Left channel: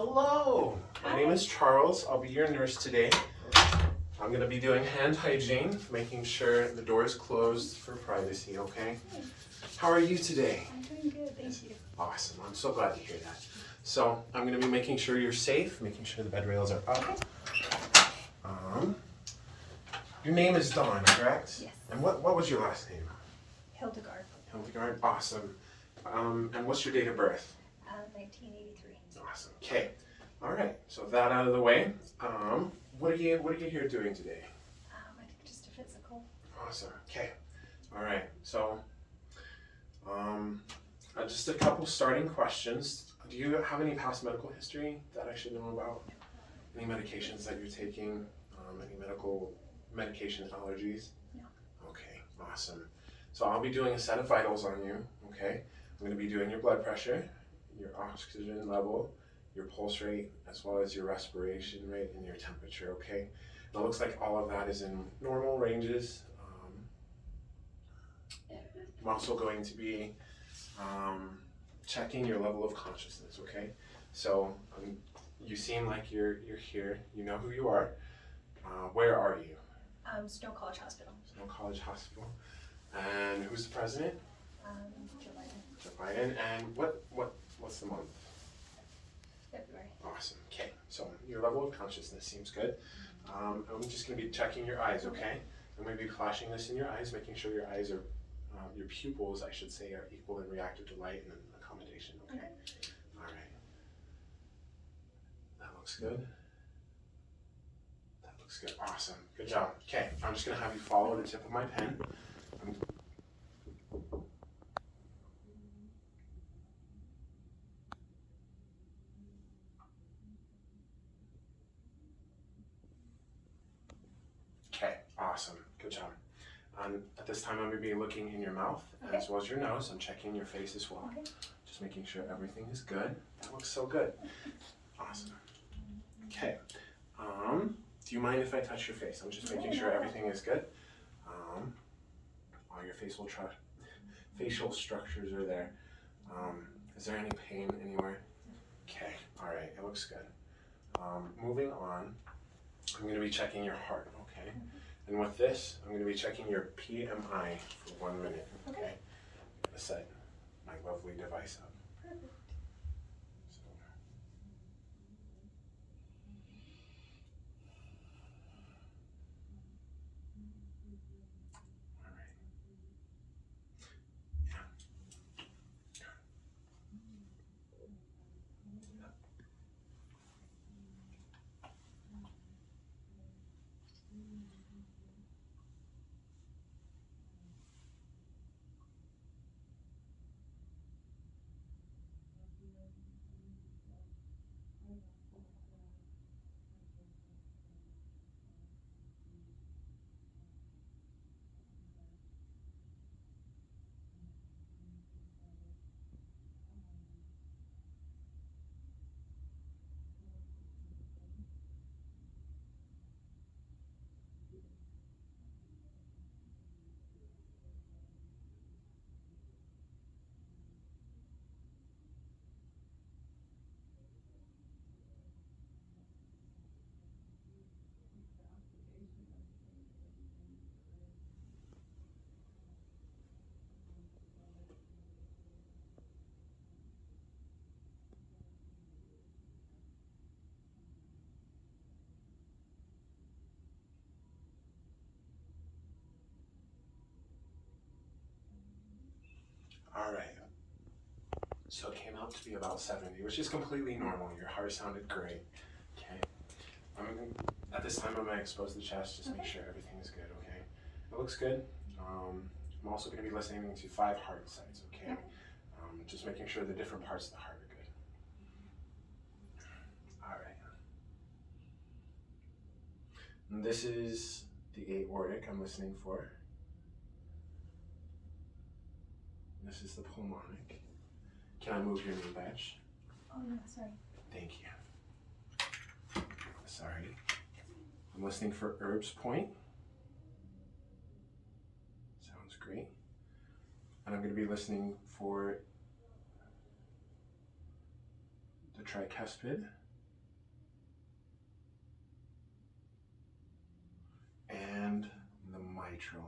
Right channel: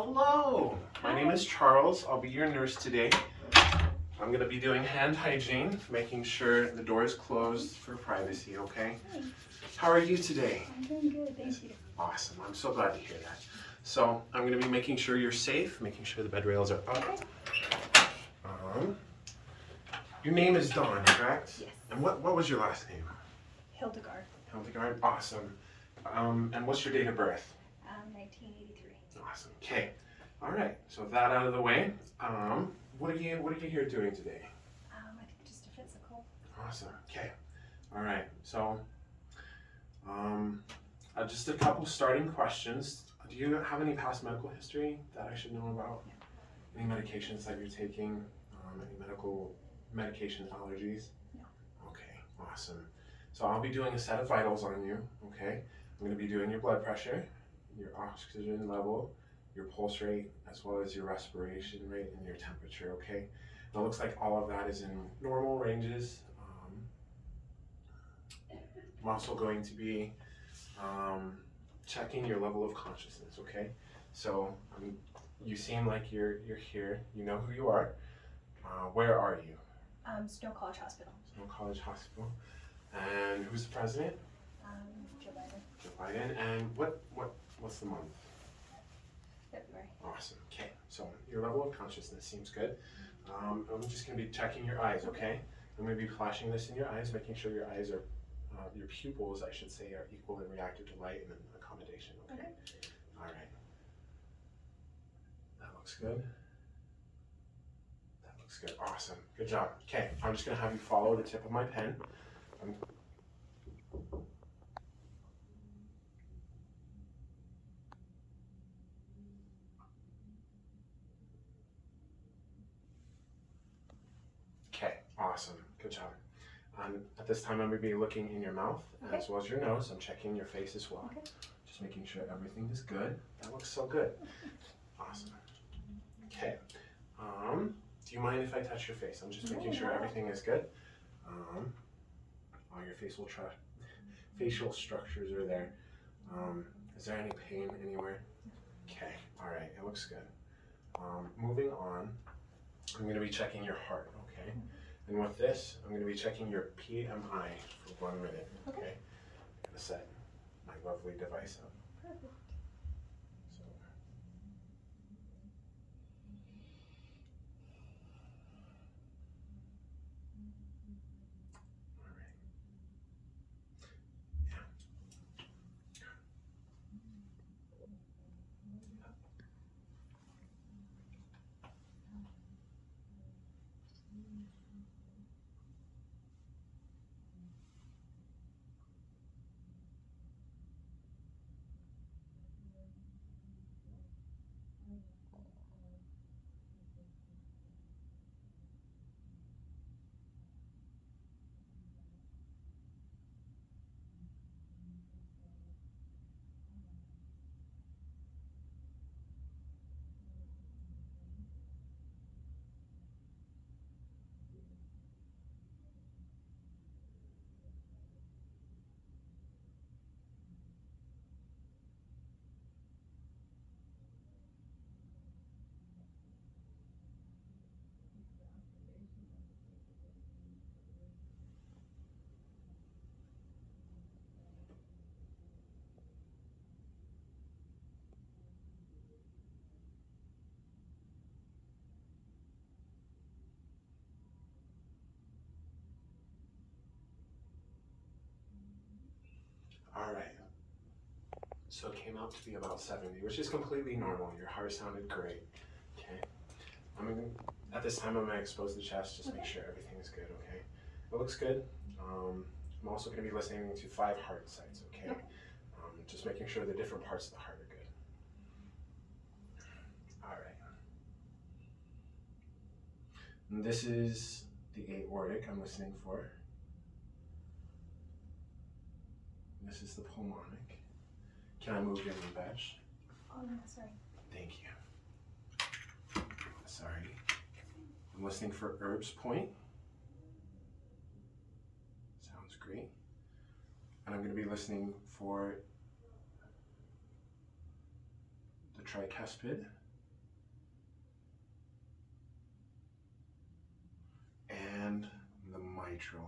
Hello, my name is Charles. I'll be your nurse today. I'm going to be doing hand hygiene, making sure the door is closed for privacy, okay? How are you today? I'm doing good, thank you. Awesome, I'm so glad to hear that. So I'm going to be making sure you're safe, making sure the bed rails are up. Your name is Dawn, correct? Yes. And what was your last name? Hildegard. Hildegard, awesome. And what's your date of birth? 1983. Awesome. Okay. All right. So that out of the way. What are you here doing today? I think just a physical. Awesome. Okay. All right. So, just a couple starting questions. Do you have any past medical history that I should know about? Any medications that you're taking? Any medication allergies? No. Okay. Awesome. So I'll be doing a set of vitals on you. Okay. I'm going to be doing your blood pressure, your oxygen level, your pulse rate, as well as your respiration rate and your temperature, okay? It looks like all of that is in normal ranges. I'm also going to be checking your level of consciousness, okay? So you seem like you're here. You know who you are. Where are you? Snow College Hospital. Snow College Hospital. And who's the president? Joe Biden. Joe Biden. And what's the month? February. Awesome. Okay, so your level of consciousness seems good. I'm just going to be checking your eyes, okay? I'm going to be flashing this in your eyes, making sure your eyes are, your pupils, I should say, are equal and reactive to light and accommodation, okay? All right. That looks good. That looks good. Awesome. Good job. Okay, I'm just going to have you follow the tip of my pen. Okay, awesome. Good job. At this time, I'm going to be looking in your mouth as well as your nose. I'm checking your face as well. Okay. Just making sure everything is good. That looks so good. Awesome. Okay. Do you mind if I touch your face? I'm just making sure everything is good. All your facial structures are there. Is there any pain anywhere? Okay. All right. It looks good. Moving on, I'm going to be checking your heart. Okay. And with this, I'm going to be checking your PMI for 1 minute. Okay. I'm going to set my lovely device up. Perfect. So. All right. Yeah. All right. So it came out to be about 70, which is completely normal. Your heart sounded great. Okay. At this time, I'm going to expose the chest just to make sure everything is good, okay? It looks good. I'm also going to be listening to 5 heart sites, okay? Just making sure the different parts of the heart are good. All right. And this is the aortic I'm listening for. This is the pulmonic. Can I move your knee badge? Oh yeah, sorry. Thank you. Sorry. I'm listening for Erb's point. Sounds great. And I'm going to be listening for the tricuspid go.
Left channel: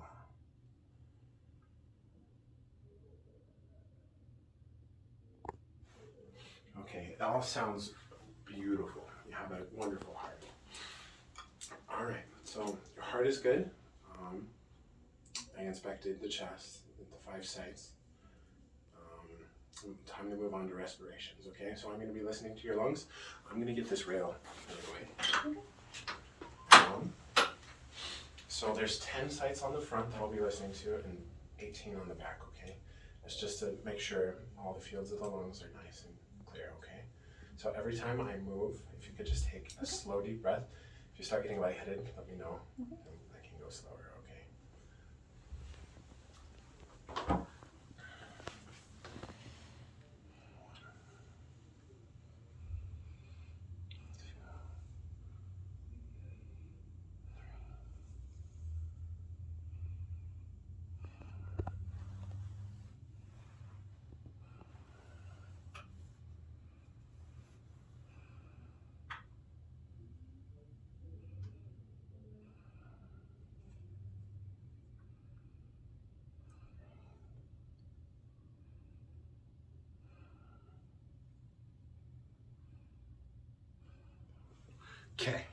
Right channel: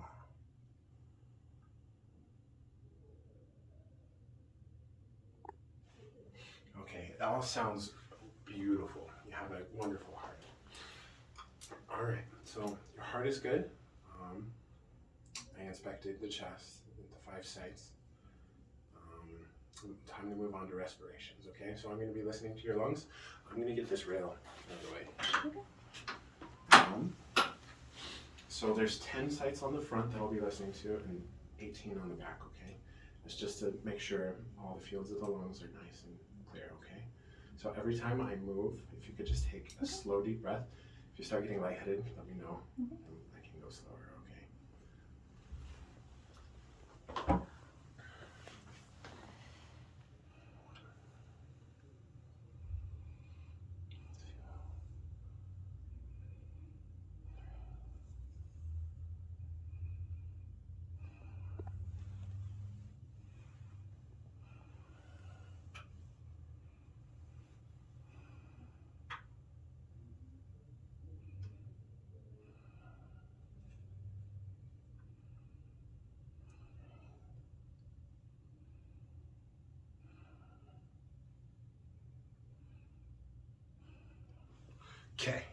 Okay, it all sounds beautiful. You have a wonderful heart. All right, so your heart is good. I inspected the chest, the 5 sites. Time to move on to respirations, okay? So I'm going to be listening to your lungs. I'm going to get this rail out of the way. So there's 10 sites on the front that I'll be listening to and 18 on the back, okay? It's just to make sure all the fields of the lungs are nice and clear, okay? So every time I move, if you could just take a slow, deep breath. If you start getting lightheaded, let me know. I can go slower, okay? Okay.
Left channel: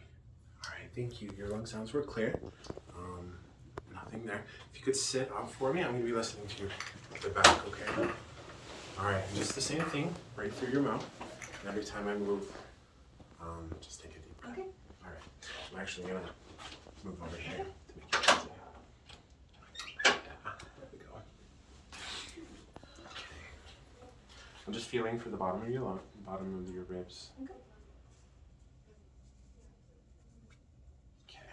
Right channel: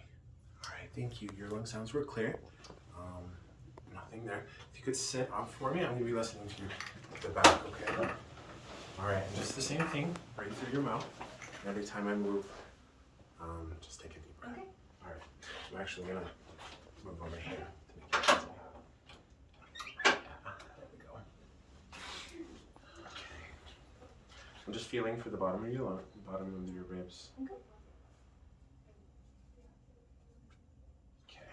All right, thank you. Your lung sounds were clear. Nothing there. If you could sit up for me, I'm going to be listening to you at the back, okay? All right, and just the same thing, right through your mouth. And every time I move, just take a deep breath. Okay. All right, I'm actually going to move over here to make it easier. There we go. Okay. I'm just feeling for the bottom of your lung, bottom of your ribs. Okay. Okay.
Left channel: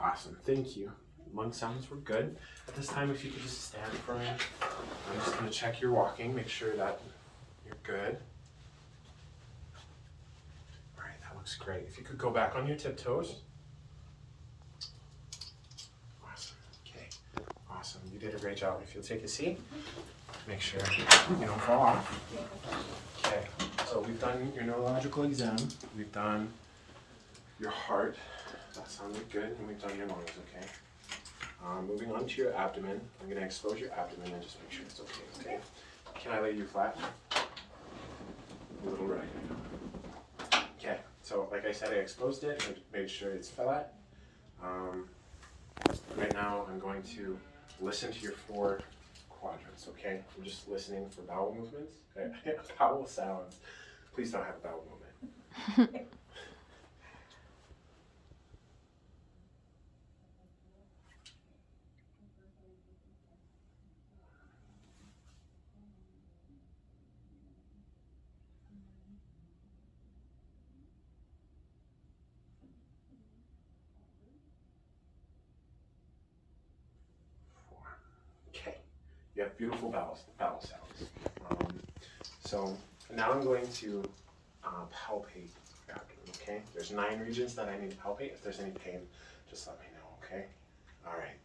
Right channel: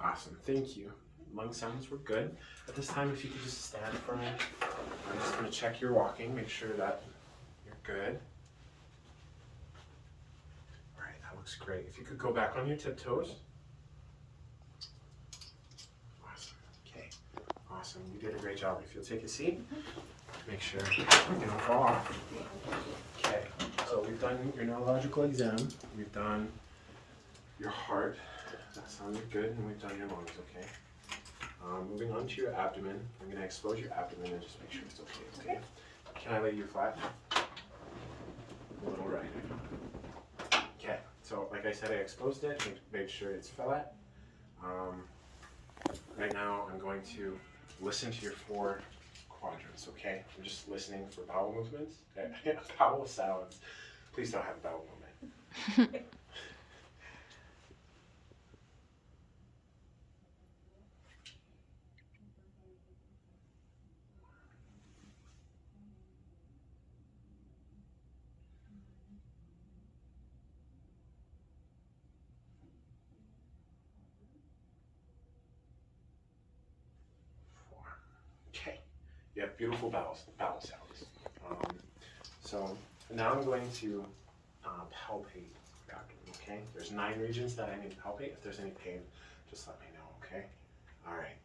Awesome, thank you. Lung sounds were good. At this time, if you could just stand for me. I'm just going to check your walking, make sure that you're good. All right, that looks great. If you could go back on your tiptoes. Awesome, okay, awesome. You did a great job. If you'll take a seat, make sure you don't fall off. Okay, so we've done your neurological exam. We've done your heart. That sounded good, and we've done your lungs, okay? Moving on to your abdomen. I'm going to expose your abdomen and just make sure it's okay, okay? Can I lay you flat? A little right. Okay, so like I said, I exposed it and made sure it's flat. Right now, I'm going to listen to your 4 quadrants, okay? I'm just listening for bowel movements, okay? Bowel sounds. Please don't have a bowel movement. Okay, you have beautiful bowel sounds. So now I'm going to palpate your abdomen, okay? There's 9 regions that I need to palpate. If there's any pain, just let me know, okay? All right.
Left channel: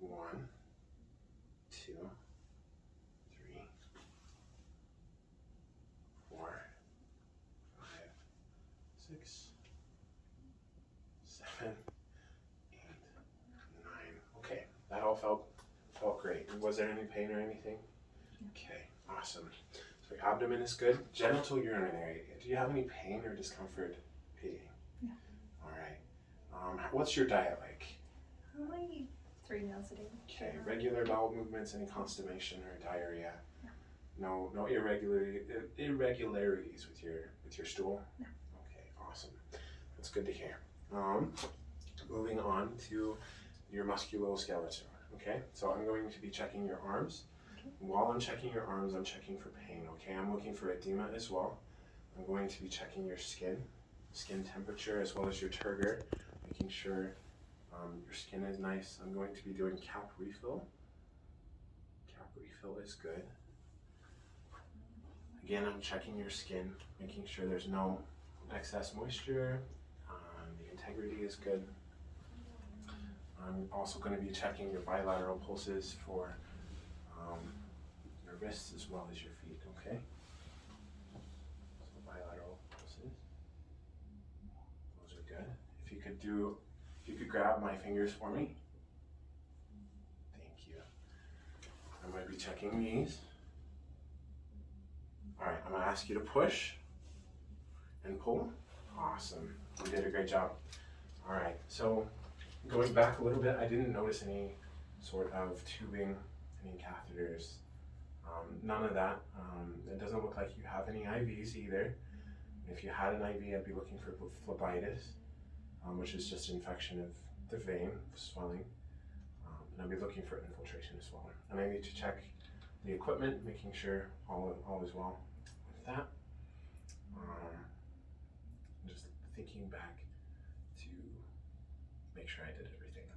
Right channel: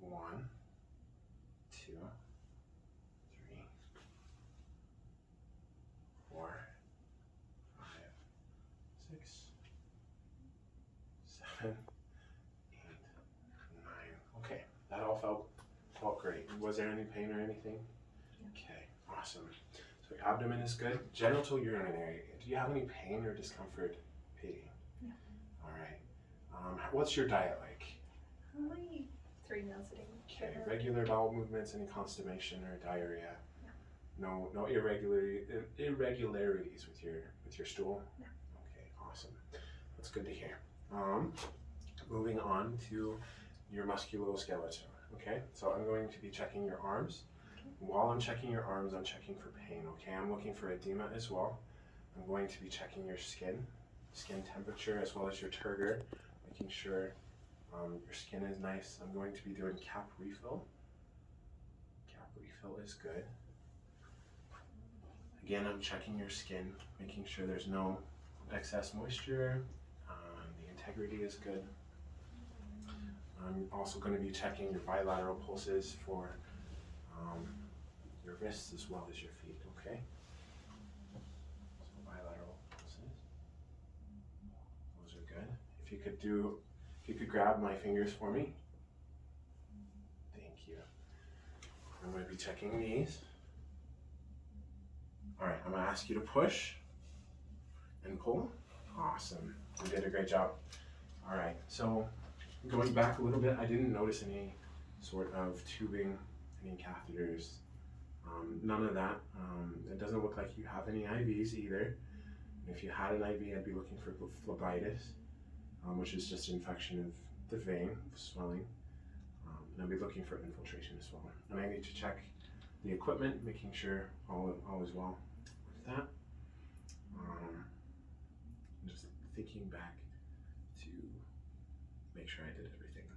So 1, 2, 3, 4, 5, 6, 7, 8, 9. Okay, that all felt great. Was there any pain or anything? Okay, awesome. So your abdomen is good. Genital urinary. Do you have any pain or discomfort peeing? No. All right. What's your diet like? I 3 meals a day. Okay, regular bowel movements, any constipation or diarrhea? No irregularities with your stool? No. Okay, awesome. That's good to hear. Moving on to your musculoskeletal. Okay, so I'm going to be checking your arms. Okay. While I'm checking your arms, I'm checking for pain. Okay, I'm looking for edema as well. I'm going to be checking your skin temperature, as well as your turgor, making sure your skin is nice. I'm going to be doing cap refill. Cap refill is good. Again, I'm checking your skin, making sure there's no excess moisture. The integrity is good. I'm also going to be checking your bilateral pulses for your wrists as well as your feet, okay? So bilateral pulses. Those are good. If you could grab my fingers for me. Thank you. I'm going to be checking these. All right, I'm going to ask you to push and pull. Awesome. You did a great job. All right, so going back a little bit, I didn't notice any sort of tubing, any catheters, none of that. It doesn't look like you have any IVs either. If you had an IV, I'd be looking for phlebitis, which is just infection of the vein, swelling. And I'd be looking for infiltration as well. And I need to check the equipment, making sure all is well with that. Just thinking back to make sure I did everything.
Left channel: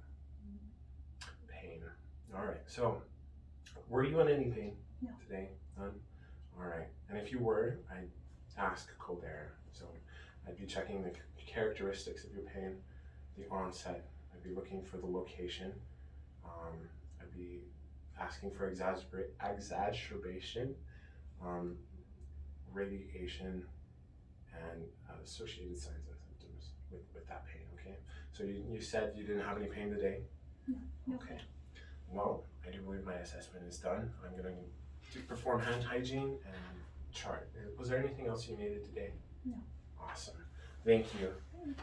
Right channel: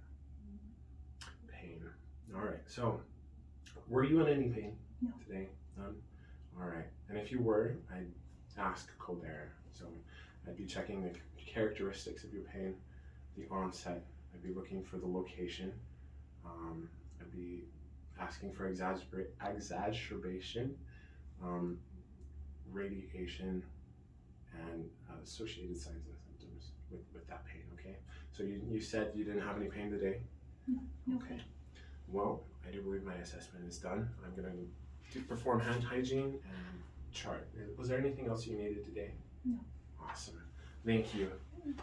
Pain. All right, so were you in any pain today? None? All right, and if you were, I'd ask Colder. So I'd be checking the characteristics of your pain, the onset. I'd be looking for the location. I'd be asking for exacerbation, radiation, and associated signs and symptoms with that pain, okay? So you said you didn't have any pain today? No. Okay. Well, I do believe my assessment is done. I'm going to perform hand hygiene and chart. Was there anything else you needed today? No. Awesome. Thank you. Thanks.